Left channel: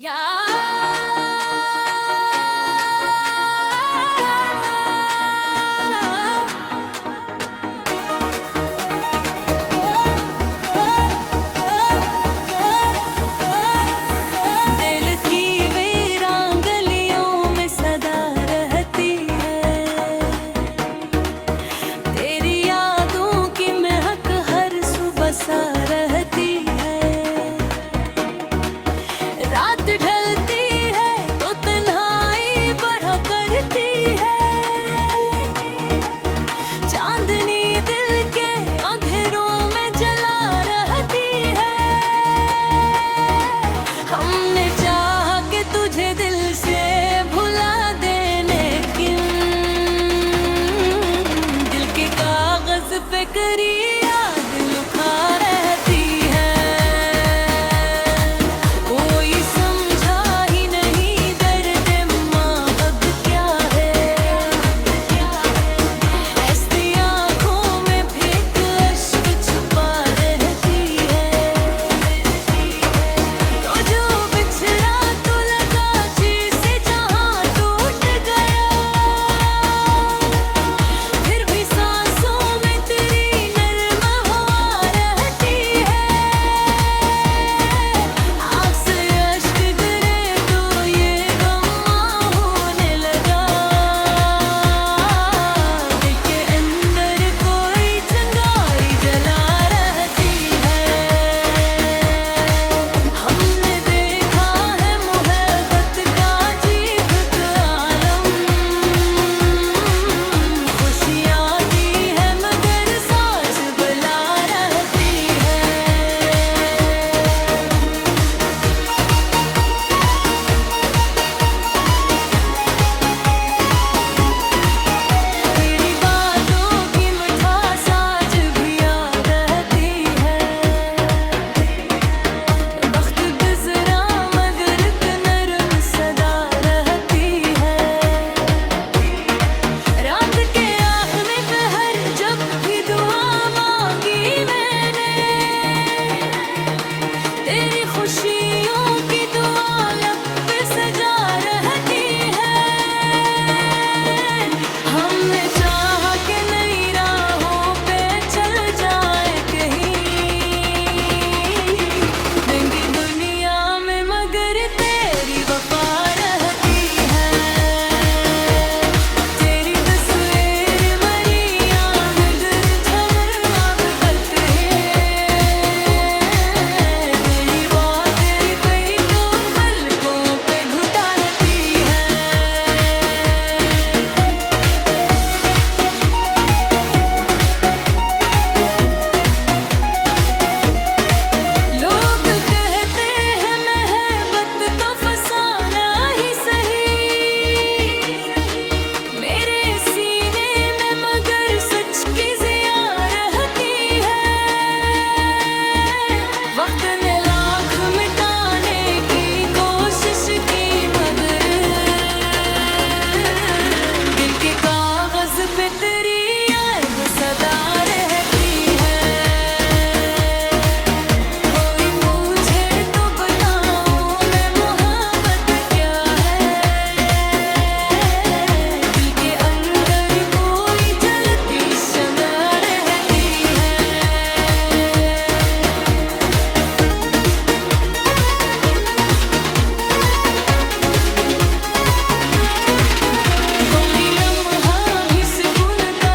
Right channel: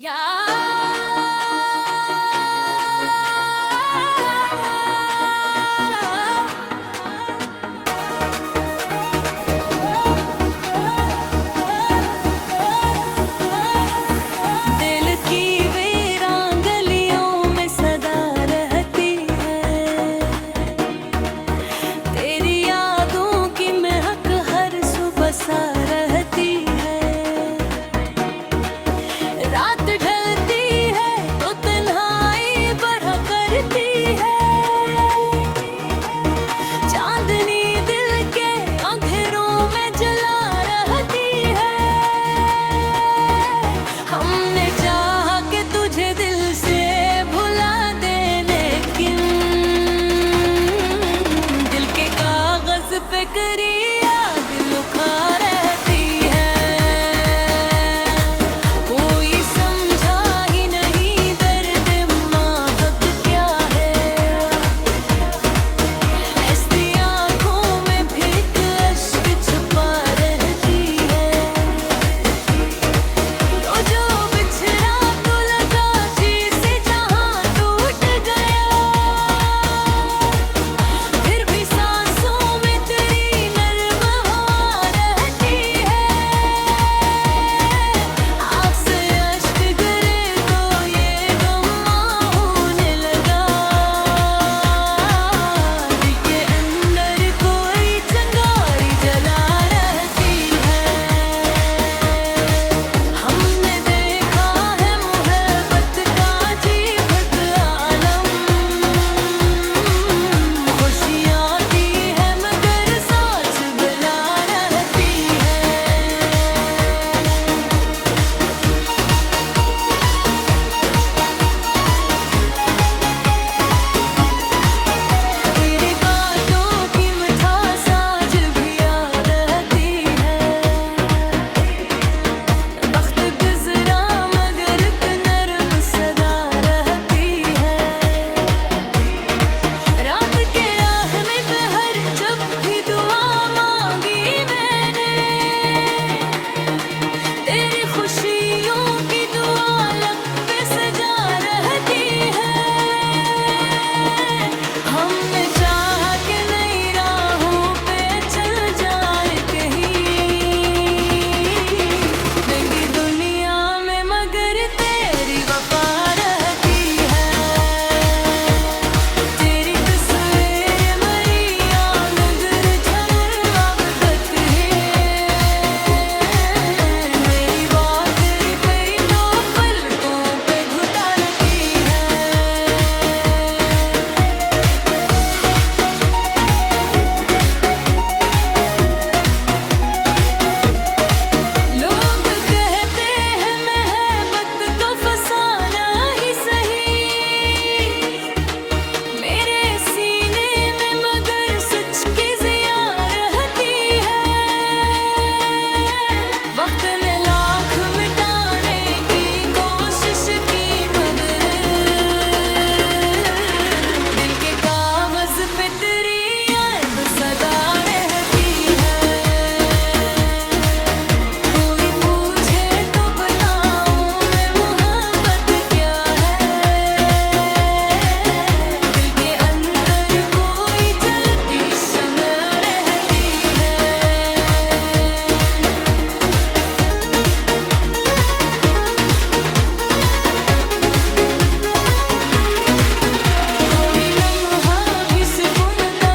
दिल की वीरान गलियों में सदा रहती है, तेरी यादों की महक हर सुबह सा रहती है। रात ढलती है तो तन्हाई बढ़ा करती है, चांदनी दिल के अंधेरों में जला रहती है। हमने चाहा कि तुझे दिल से भुला देने, लेकिन दिल के कागज पे करी याद लुका रहती है। कोई समझा ही नहीं दर्द महक क्या है, ऐसी आंखों में भी एक अश्क छुपा रहती है। तो जो बिछड़ा तो लगा जिसे जहां टूट गया, फिर भी सांसों में तेरी नर्म हवा रहती है। आँख से अश्क गिरे तो ये गम होने लगा, दिल के अंदर कोई चिंगारी जला रहती है। हमने देखा है मोहब्बत का अजीब आलम, खुशियाँ दी है मगर सोच बुला रहती है। तेरी बातों की मिठास आज भी याद रहती है। वक्त गुजरा मगर एक नरम सदा रहती है। रात के आखिरी पहर जब भी दुआ मांगी मैंने, तेरी खुशियों की दुआ लब पे सजा रहती है। हमने चाहा कि नई राहों पे चल जाए कहीं, नंगी दुनिया में मगर तेरी वफा रहती है। तेरी तस्वीर मरी मगर झमर मोहब्बत है। मेरी बात तेरी पे तो पलकों पे घुटा रहती है। लोग कहते हैं मोहब्बत तो फसाना ही सही, मेरे सीने में मगर सच की ज़िया रहती है। वक्त ने लाख मिटाने की कोशिश की मगर दिल के कागज पे तेरी याद सदा रहती है। कोई पूछे तो बताओ मैं मोहब्बत क्या है, दिल के अंदर कोई जलती शम्म रहती है। कोई लम्हा भी सुकून का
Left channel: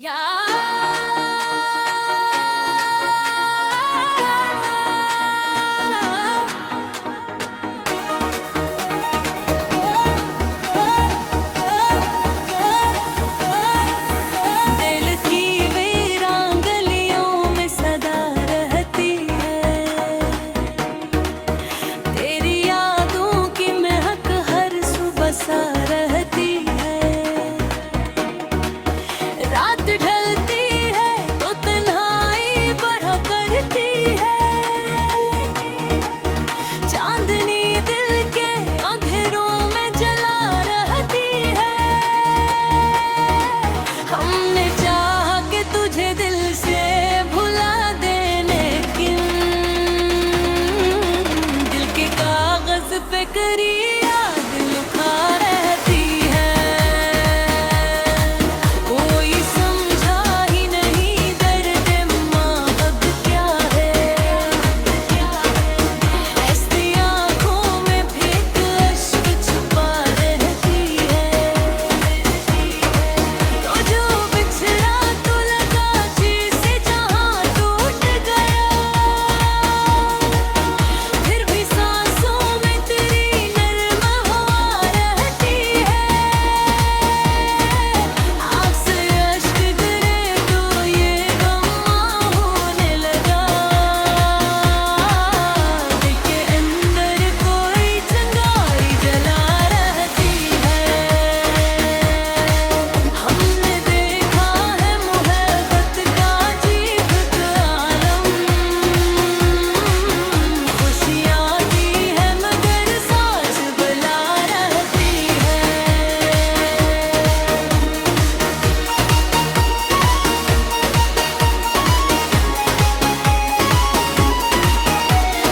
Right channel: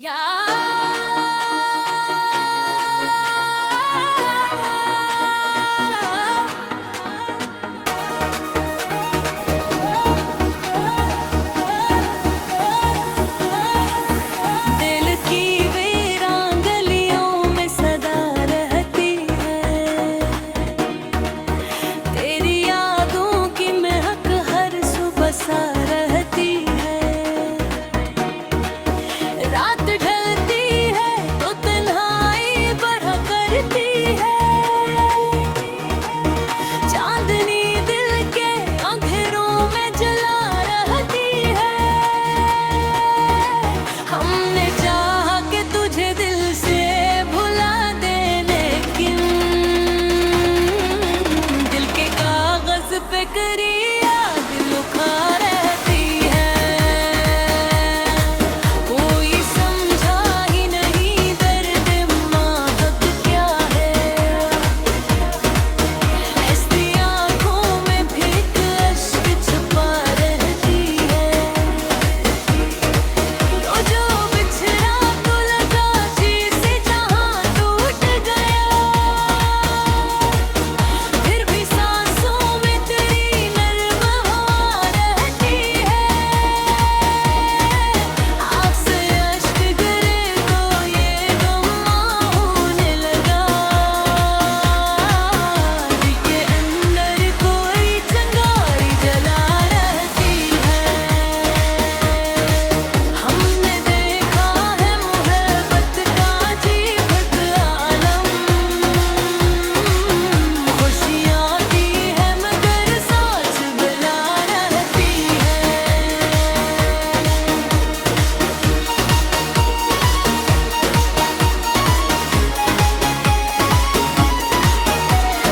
दिल की वीरान गलियों में सदा रहती है, तेरी यादों की महक हर सुबह सा रहती है। रात ढलती है तो तन्हाई बढ़ा करती है, चांदनी दिल के अंधेरों में जला रहती है। हमने चाहा कि तुझे दिल से भुला देने की, दिल के कागज पे करी याद लुका रहती है। कोई समझा ही नहीं दर्द महक क्या है, ऐसी आंखों में भी एक अश्क छुपा रहती है। तो जो बिछड़ा तो लगा जैसे जहां टूट गया, फिर भी सांसों में तेरी नर्म हवा रहती है। आँख से अश्क गिरे तो ये गम होने लगा, दिल के अंदर कोई चिंगारी जला रहती है। हमने देखा है मोहब्बत का अजीब आलम, खुशियाँ दी है मगर सोच बुला रहती है।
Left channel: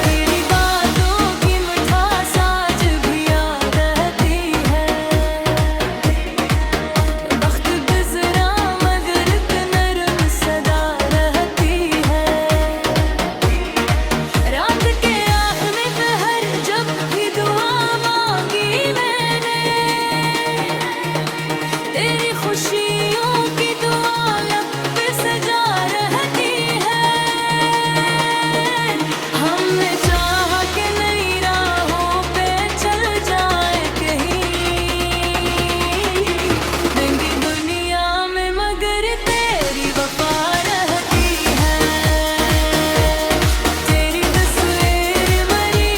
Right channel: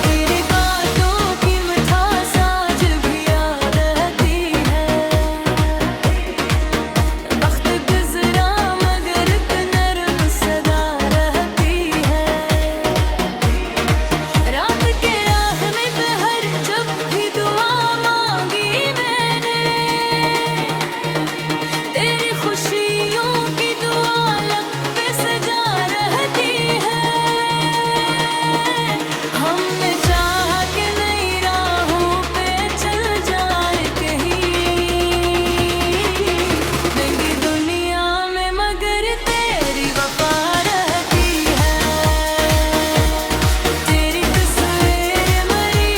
तेरी बातों की मिठास आज भी याद रहती है। वक्त गुजरा मगर एक नरम सदा रहती है। रात के आहने पे हर जब भी दुआ मांगी मैंने, तेरी खुशियों की दुआ लब पे सजा रहती है। हमने चाहा कि नई राहों पे चल जाए कहीं, नंगी दुनिया में मगर तेरी वफा रहती है। तेरी तस्वीर मरी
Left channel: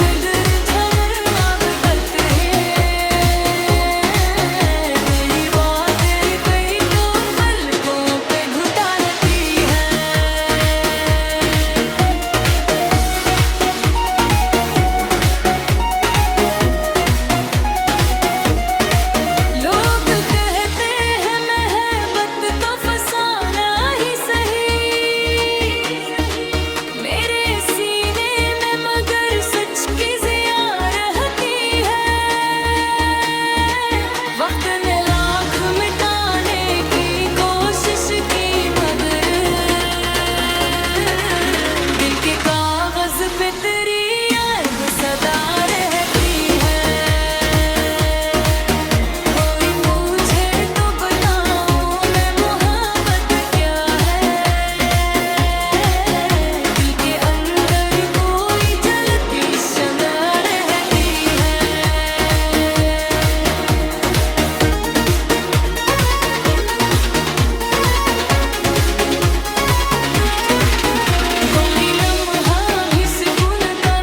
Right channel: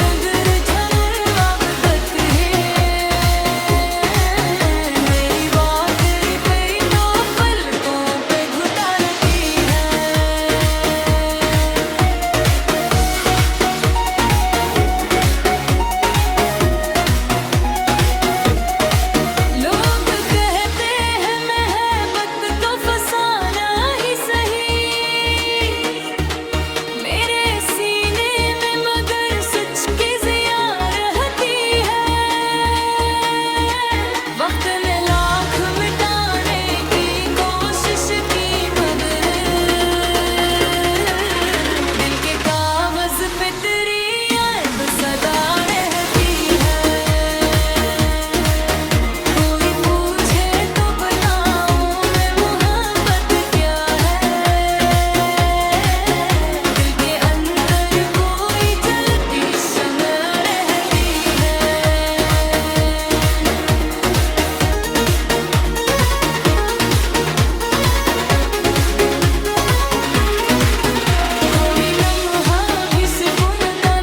मगर झमर अब तक है। मेरी बात तेरी पे तो पलकों पे घुटा रहती है। लोग कहते हैं मोहब्बत तो फसाना ही सही, मेरे सीने में मगर सच की जिया रहती है। वक्त ने लाख मिटाने की कोशिश की मगर दिल के कागज पे तेरी याद सदा रहती है। कोई पूछे तो बताओ मैं मोहब्बत क्या है, दिल के अंदर कोई जलती शम्म रहती है। कोई लम्हा भी सुकून का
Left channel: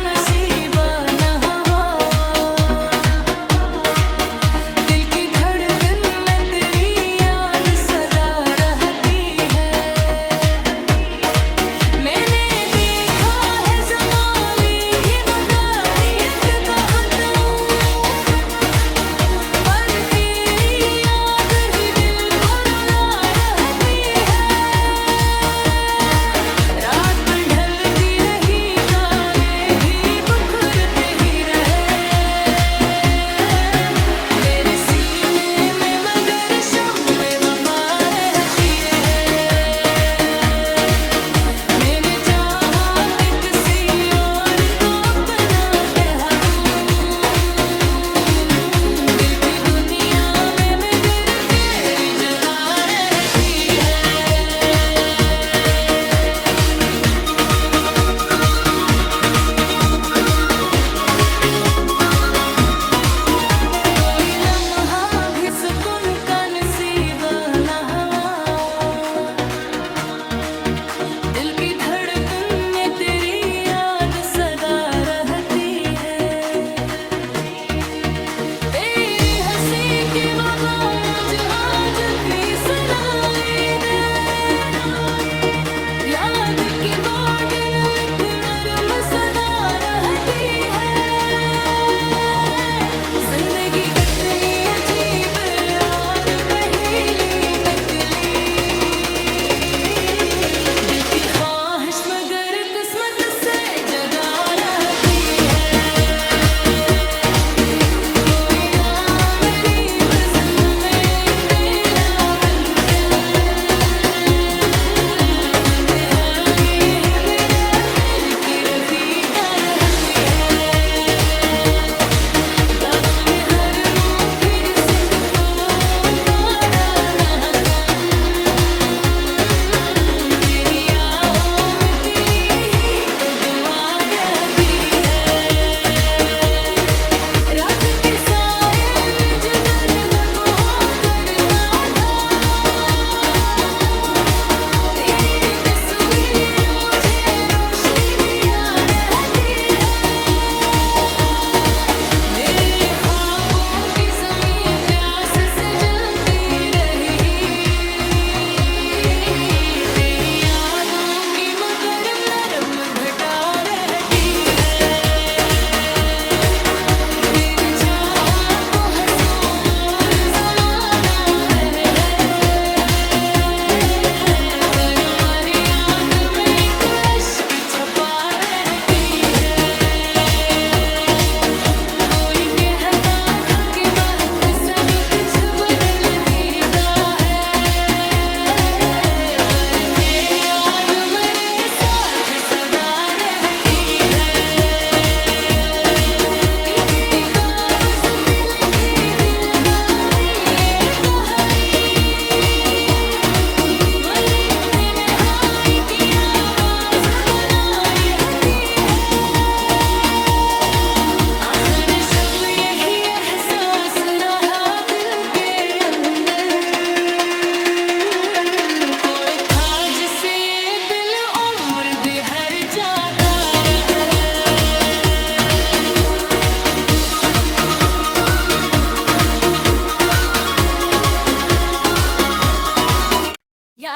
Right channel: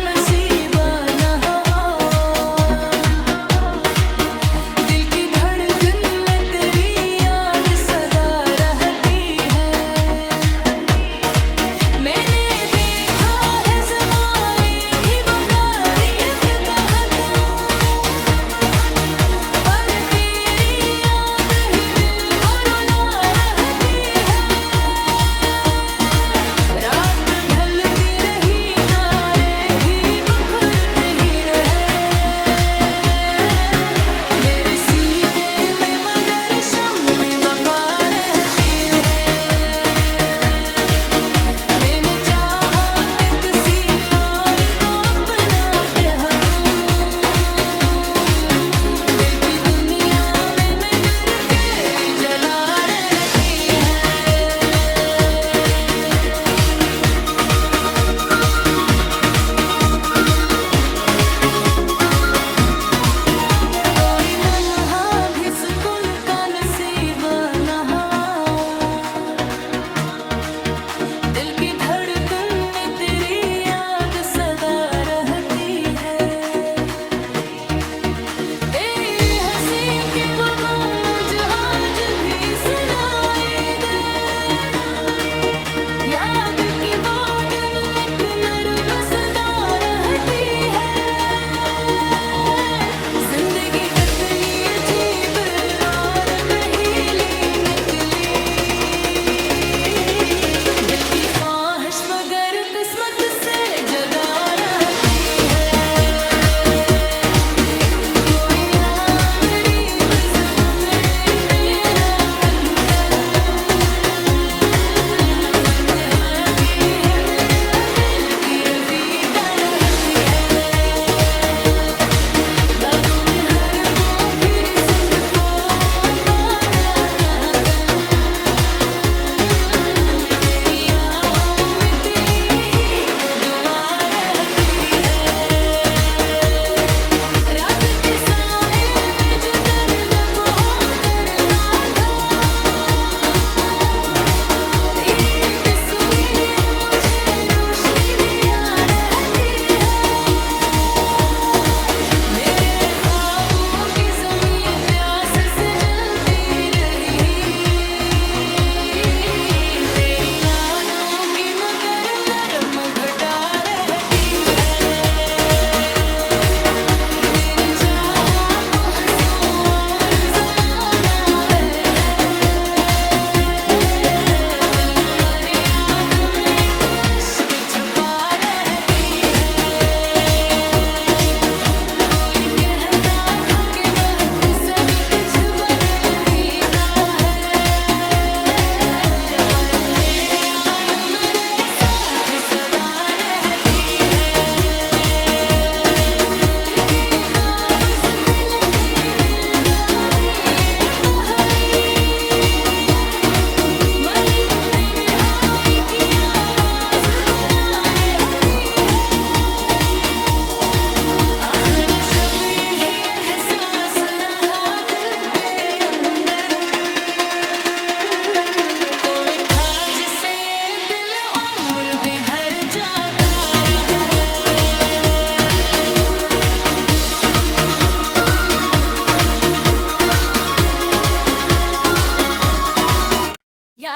दिल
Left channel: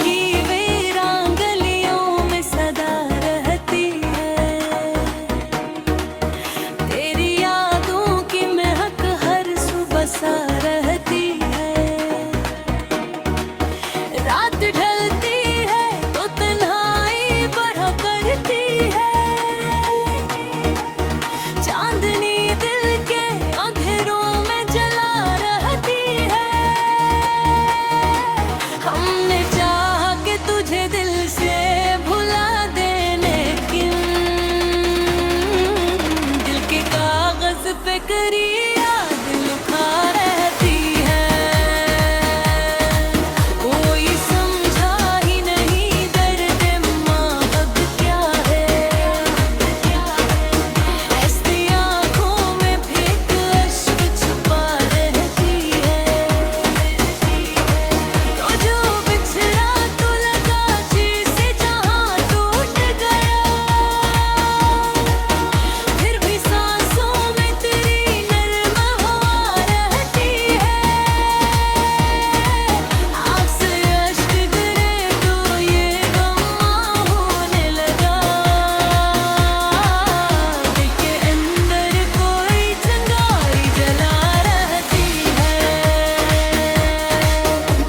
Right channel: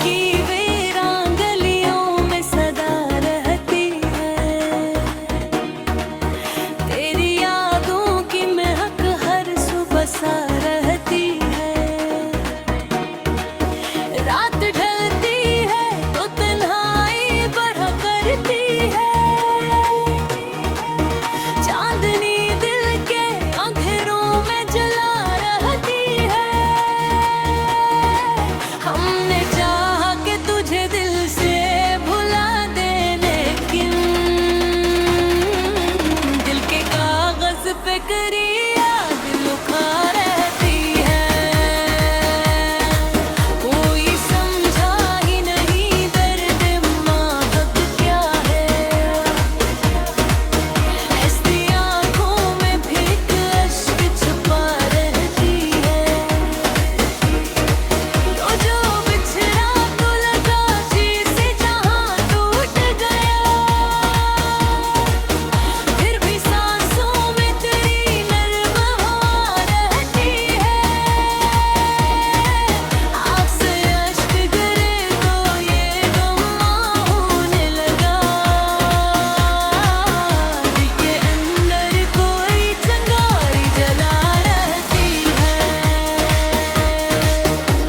की वीरान गलियों में सदा रहती है, तेरी यादों की महक हर सुबह सा रहती है। रात ढलती है तो तन्हाई बढ़ा करती है, चांदनी दिल के अंधेरों में जला रहती है। हमने चाहा कि तुझे दिल से भुला देने की, दिल के कागज पे करी याद लुका रहती है। कोई समझा ही नहीं दर्द महक क्या है, ऐसी आंखों में भी एक अश्क छुपा रहती है। तो जो बिछड़ा तो लगा जिसे जहां टूट गया, फिर भी सांसों में तेरी नर्म हवा रहती है। आँख से अश्क गिरे तो ये गम होने लगा, दिल के अंदर कोई चिंगारी जला रहती है।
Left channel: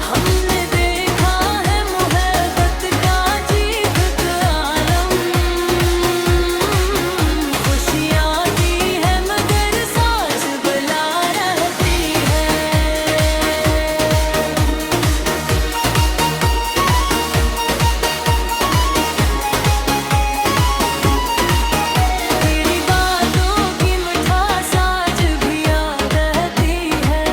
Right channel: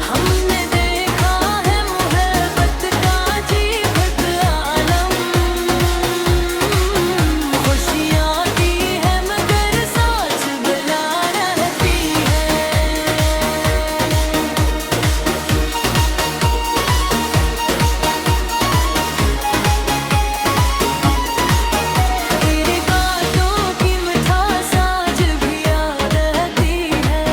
हमने देखा है मोहब्बत का अजीब आलम, खुशियाँ दी है मगर सोच बुला रहती है। तेरी बातों की मिठास आज भी याद रहती है।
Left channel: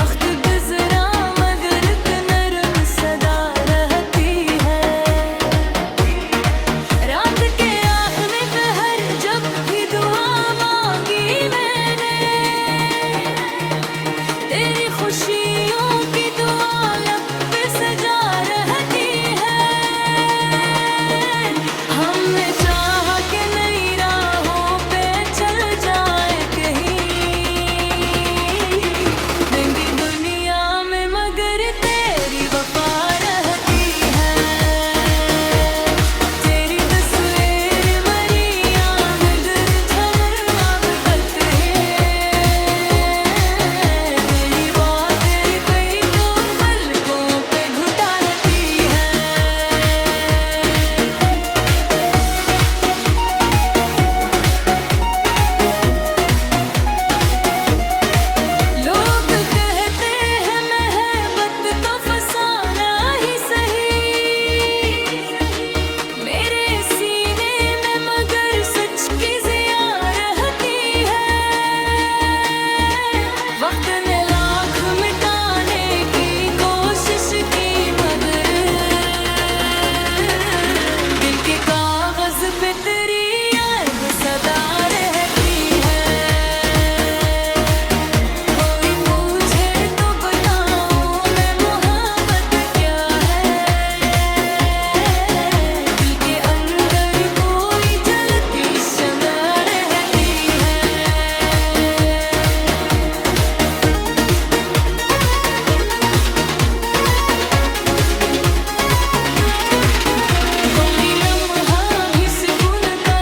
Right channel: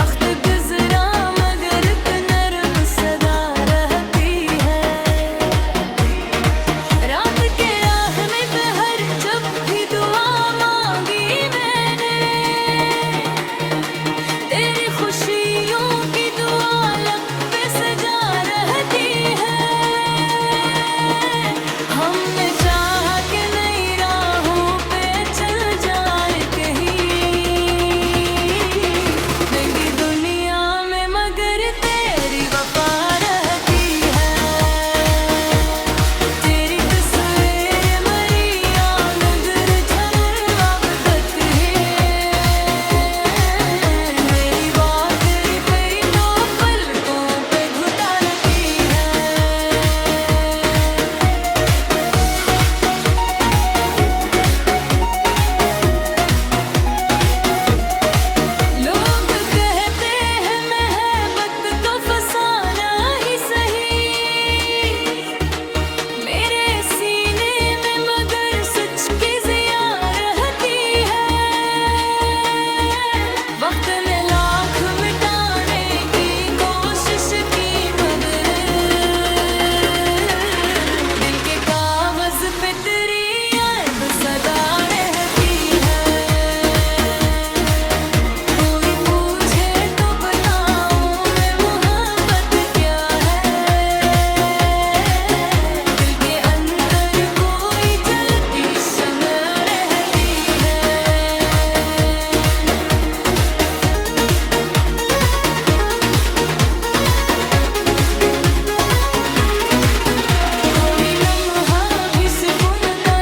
वक्त गुजरा मगर एक नरम सदा रहती है। रात के आखिरी पहर जब भी दुआ मांगी मैंने, तेरी खुशियों की दुआ लब पे सजा रहती है। हमने चाहा कि नई राहों पे चल जाए कहीं, नंगी दुनिया में मगर तेरी वफा रहती है। तेरी तस्वीर मरी मगर झमर मोहब्बत है। मेरी बात तेरी पे तो पलकों पे घुटा रहती है। लोग कहते हैं महबत तो फसाना ही सही, मेरे सीने में मगर सच की जिया रहती है। वक्त ने लाख मिटाने की कोशिश की मगर दिल के कागज पे तेरी याद सदा रहती है। कोई पूछे तो बताओ मैं मोहब्बत क्या है, दिल के अंदर कोई जलती शम्म रहती है। कोई लम्हा भी सुकून का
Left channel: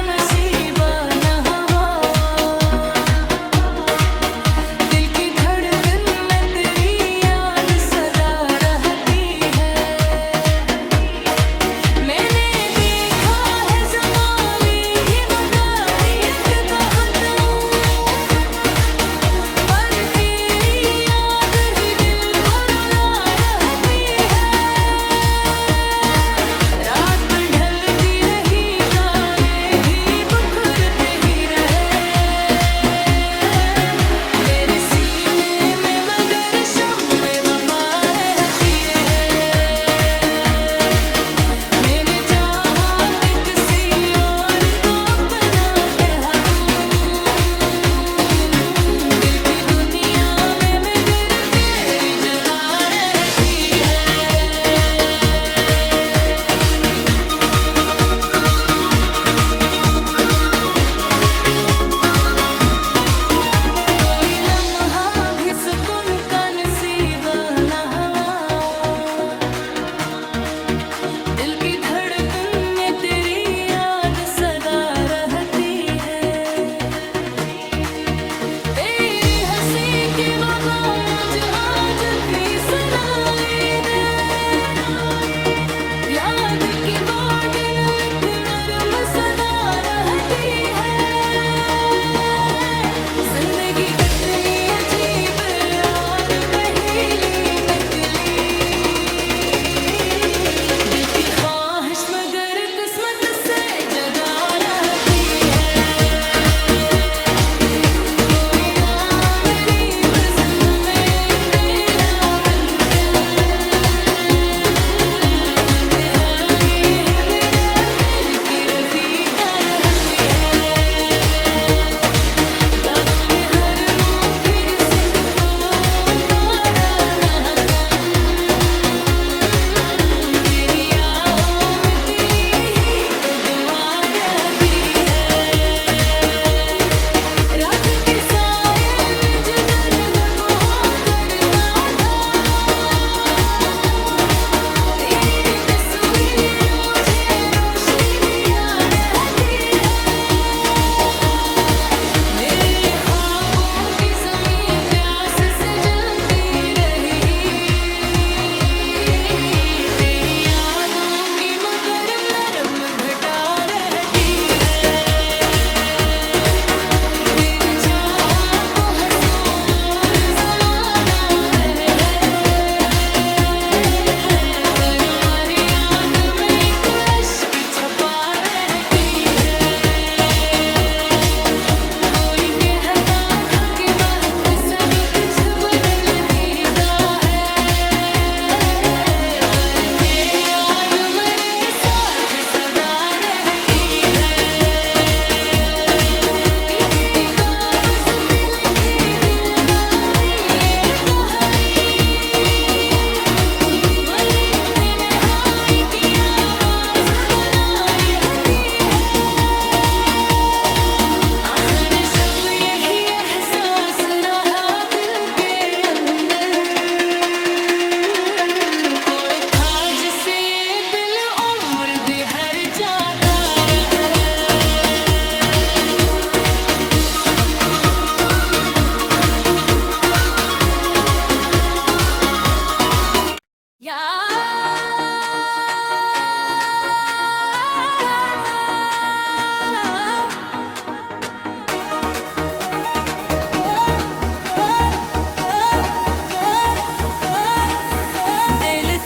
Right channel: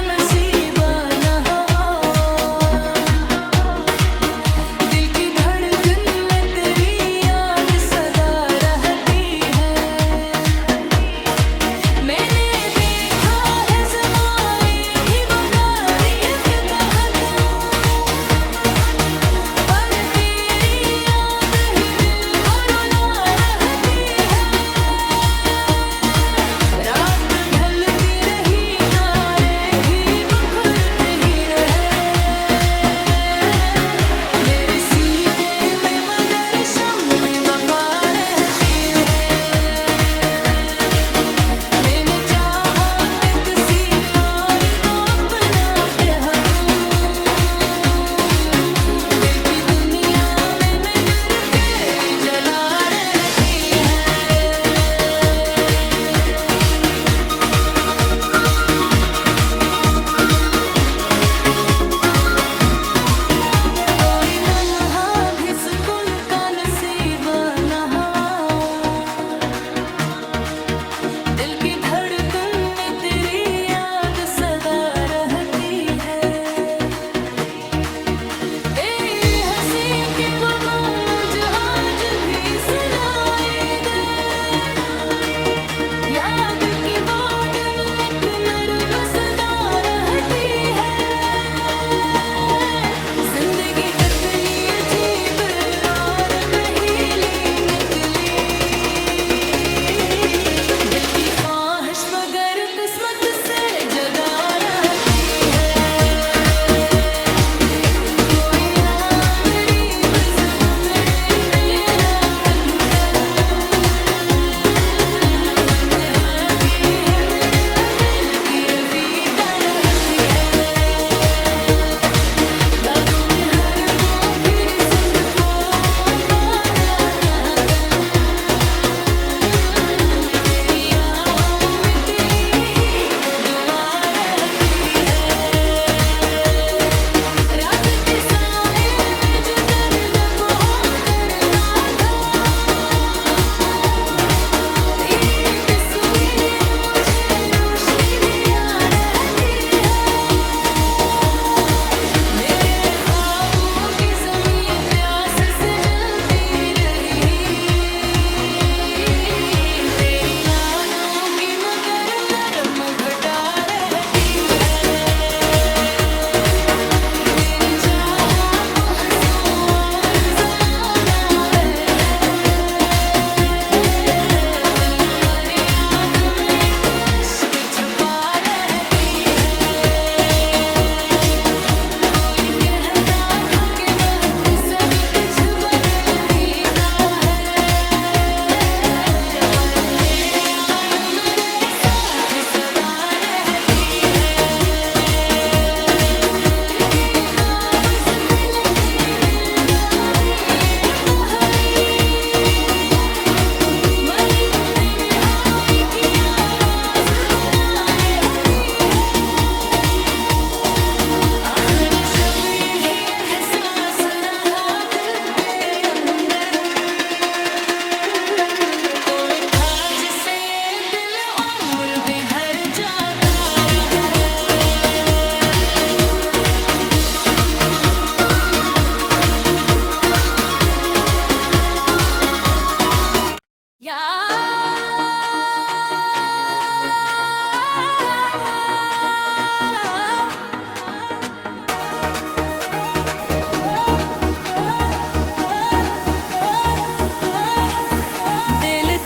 दिल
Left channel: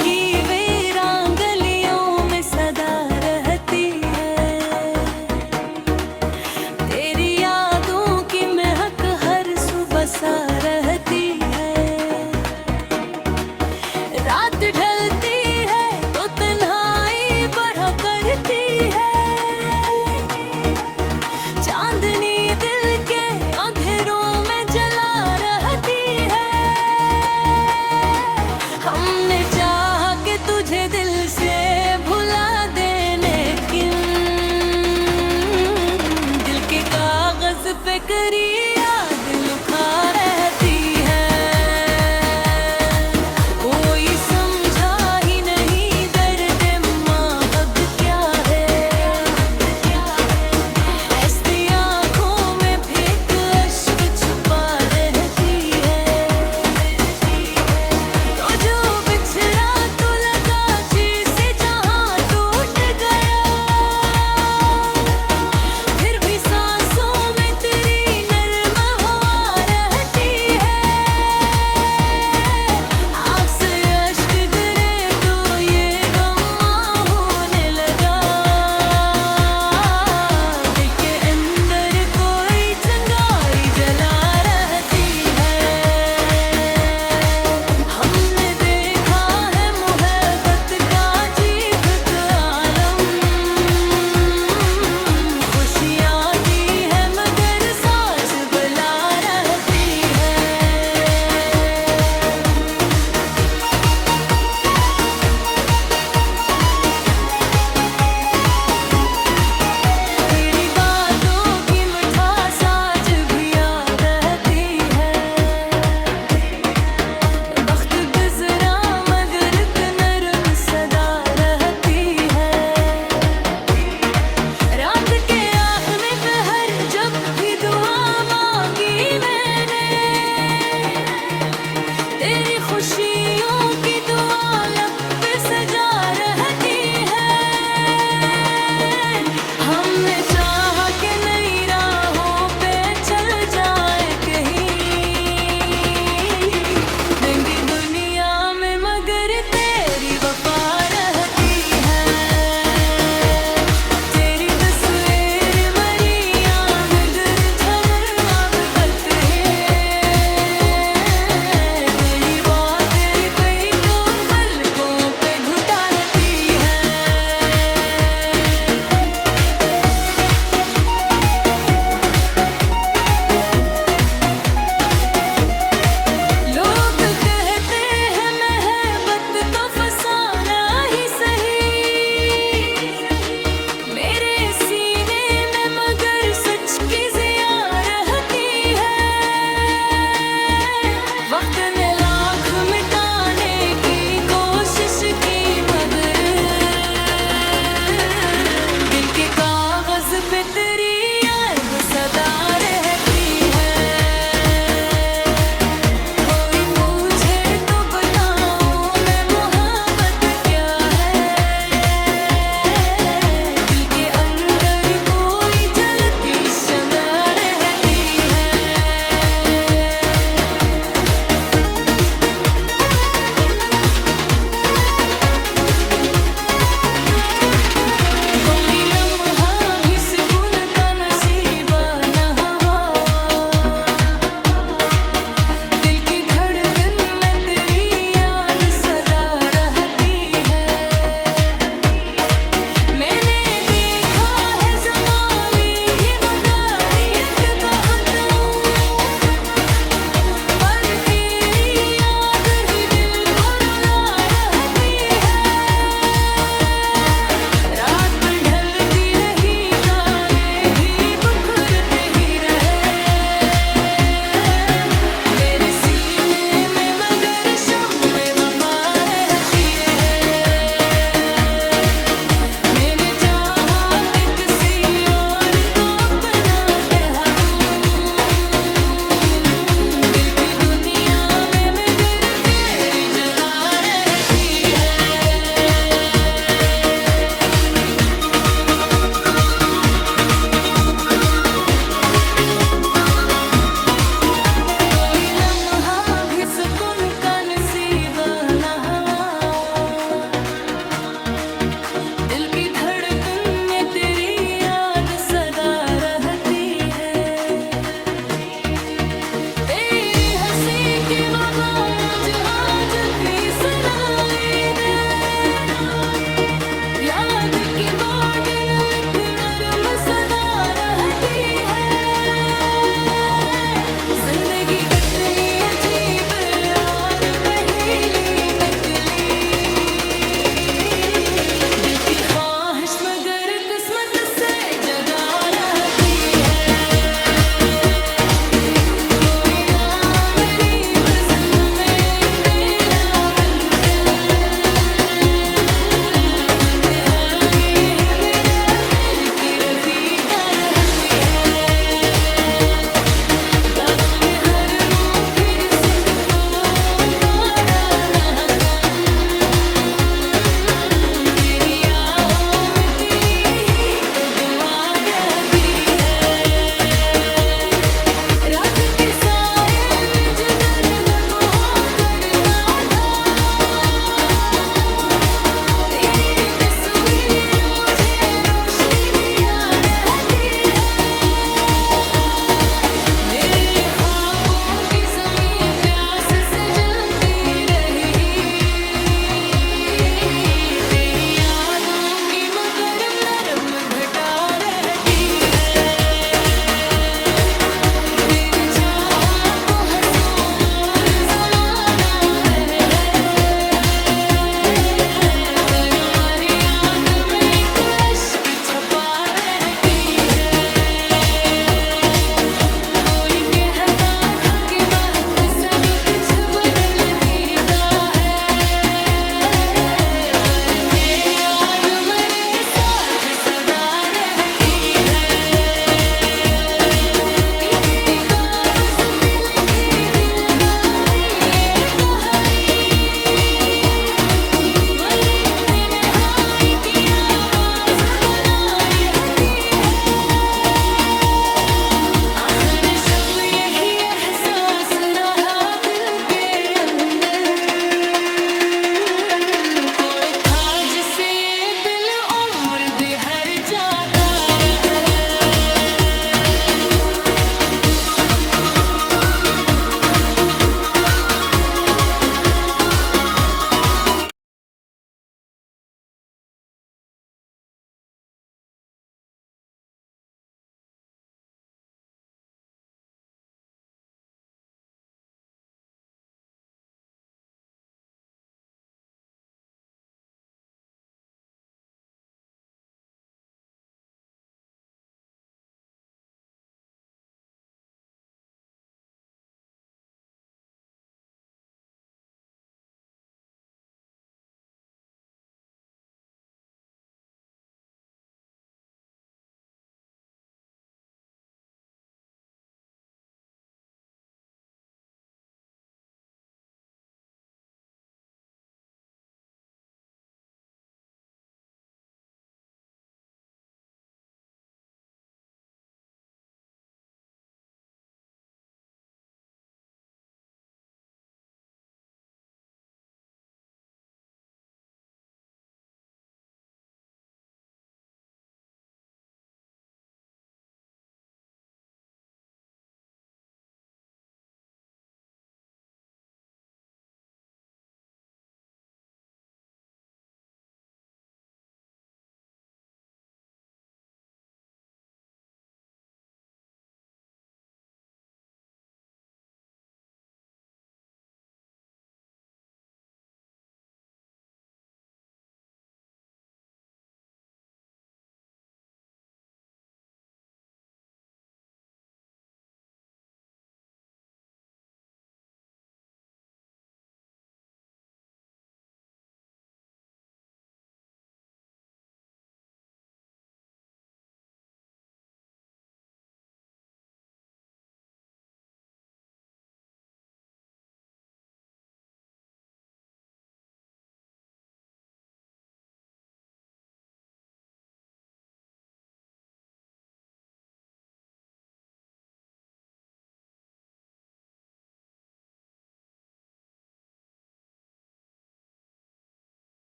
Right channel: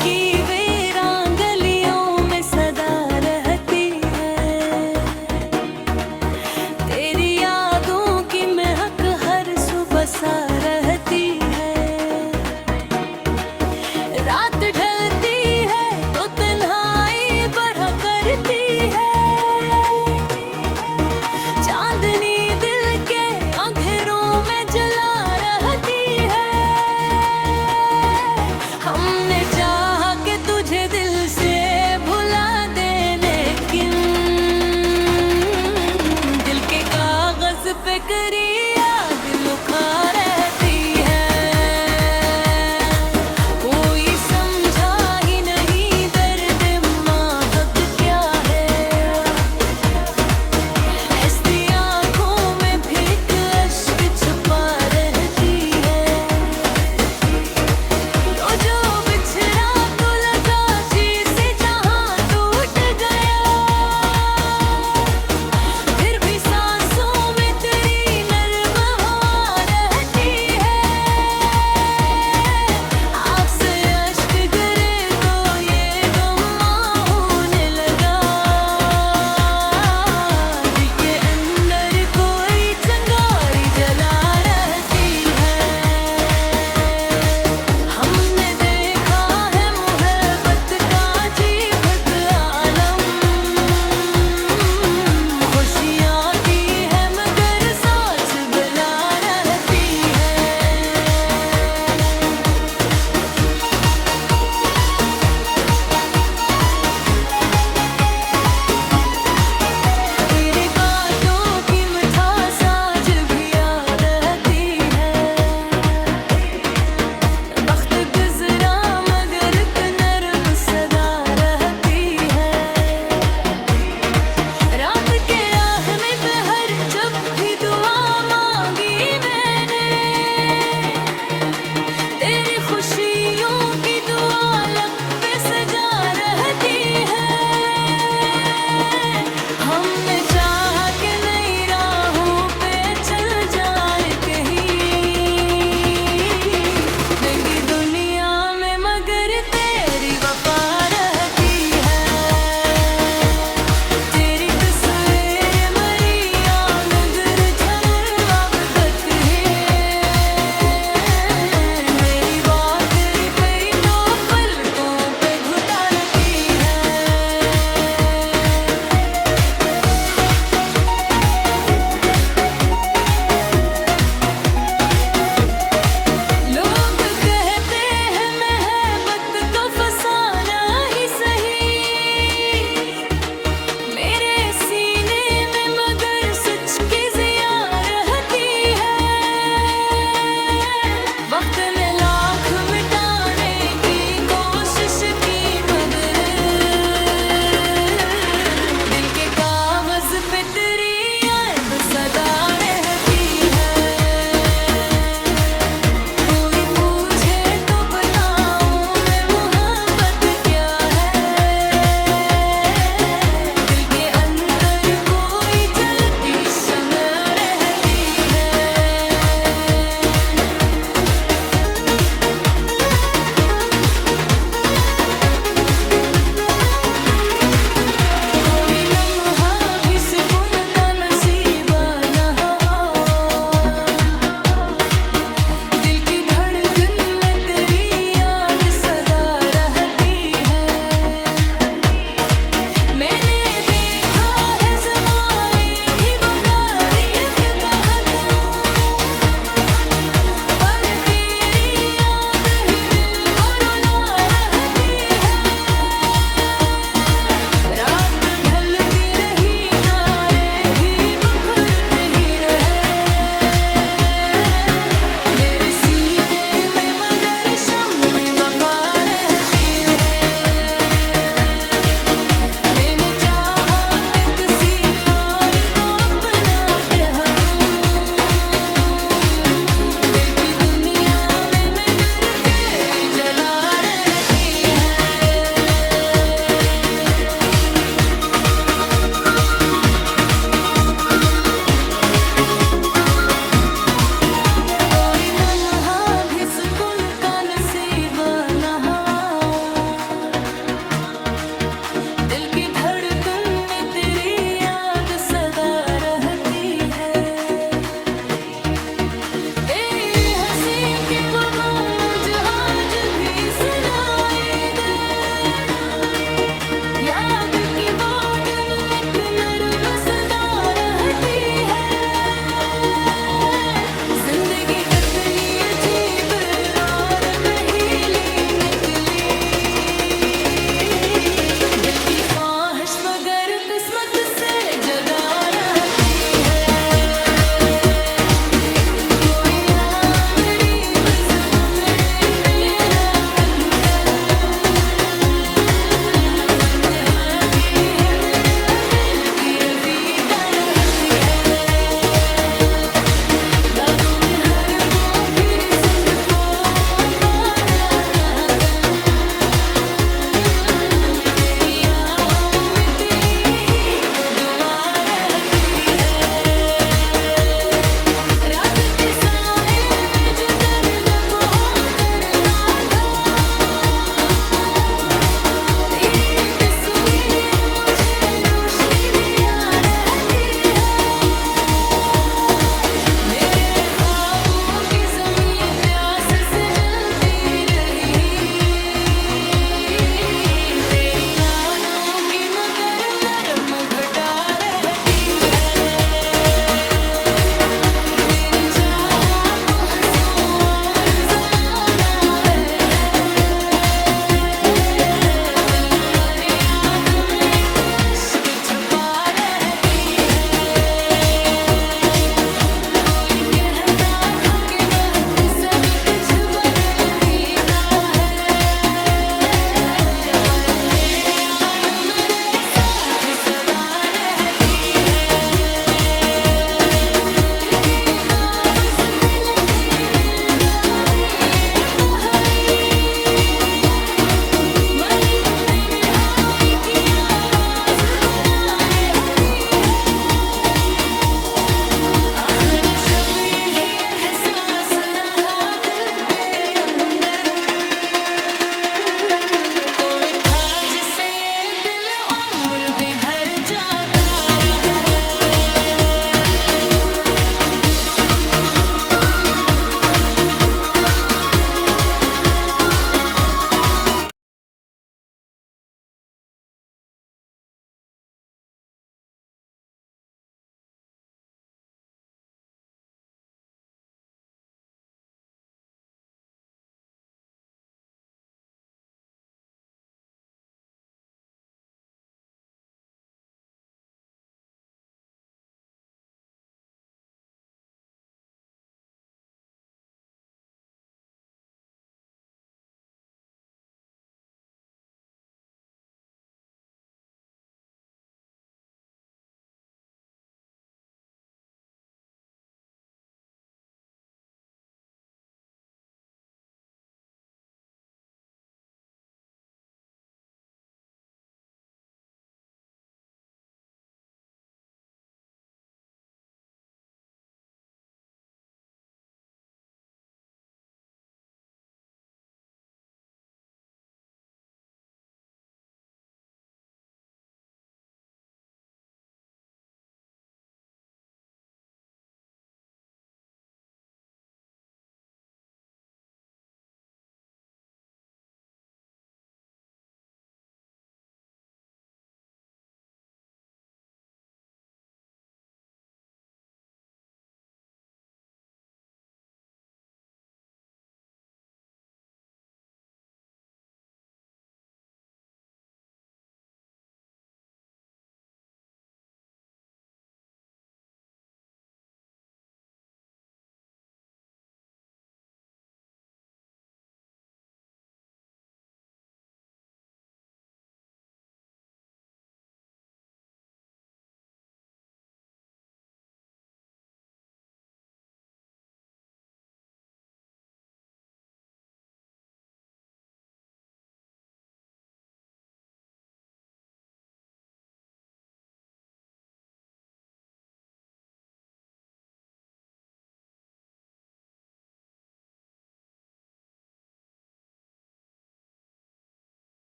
की वीरान गलियों में सदा रहती है, तेरी यादों की महक हर सुबह सा रहती है। रात ढलती है तो तन्हाई बढ़ा करती है, चांदनी दिल के अंधेरों में जला रहती है। हमने चाहा कि तुझे दिल से भुला देने की, दिल के कागज पे करी याद लुका रहती है। कोई समझा ही नहीं दर्द महक क्या है, ऐसी आंखों में भी एक अश्क छुपा रहती है। तो जो बिछड़ा तो लगा जिसे जहां टूट गया, फिर भी सांसों में तेरी नर्म हवा रहती है। आँख से अश्क गिरे तो ये गम होने लगा, दिल के अंदर कोई चिंगारी जला रहती है। हमने देखा है मोहब्बत का अजीब आलम, खुशियाँ दी है मगर साथ बुला रहती है। तेरी बातों की मिठास आज भी याद रहती है। वक्त गुजरा मगर एक नरम सदा रहती है। रात के आखिरी पहर जब भी दुआ मांगी मैंने, तेरी खुशियों की दुआ लब पे सजा रहती है। हमने चाहा कि नई राहों पे चल जाए कहीं, नंगी दुनिया में मगर तेरी वफा रहती है। तेरी तस्वीर मरी मगर झमर अब तक है, मेरी बात तेरी पे तो पलकों पे घुटा रहती है। लोग कहते हैं महबत तो फसाना ही सही, मेरे सीने में मगर सच की जिया रहती है। वक्त ने लाख मिटाने की कोशिश की मगर दिल के कागज पे तेरी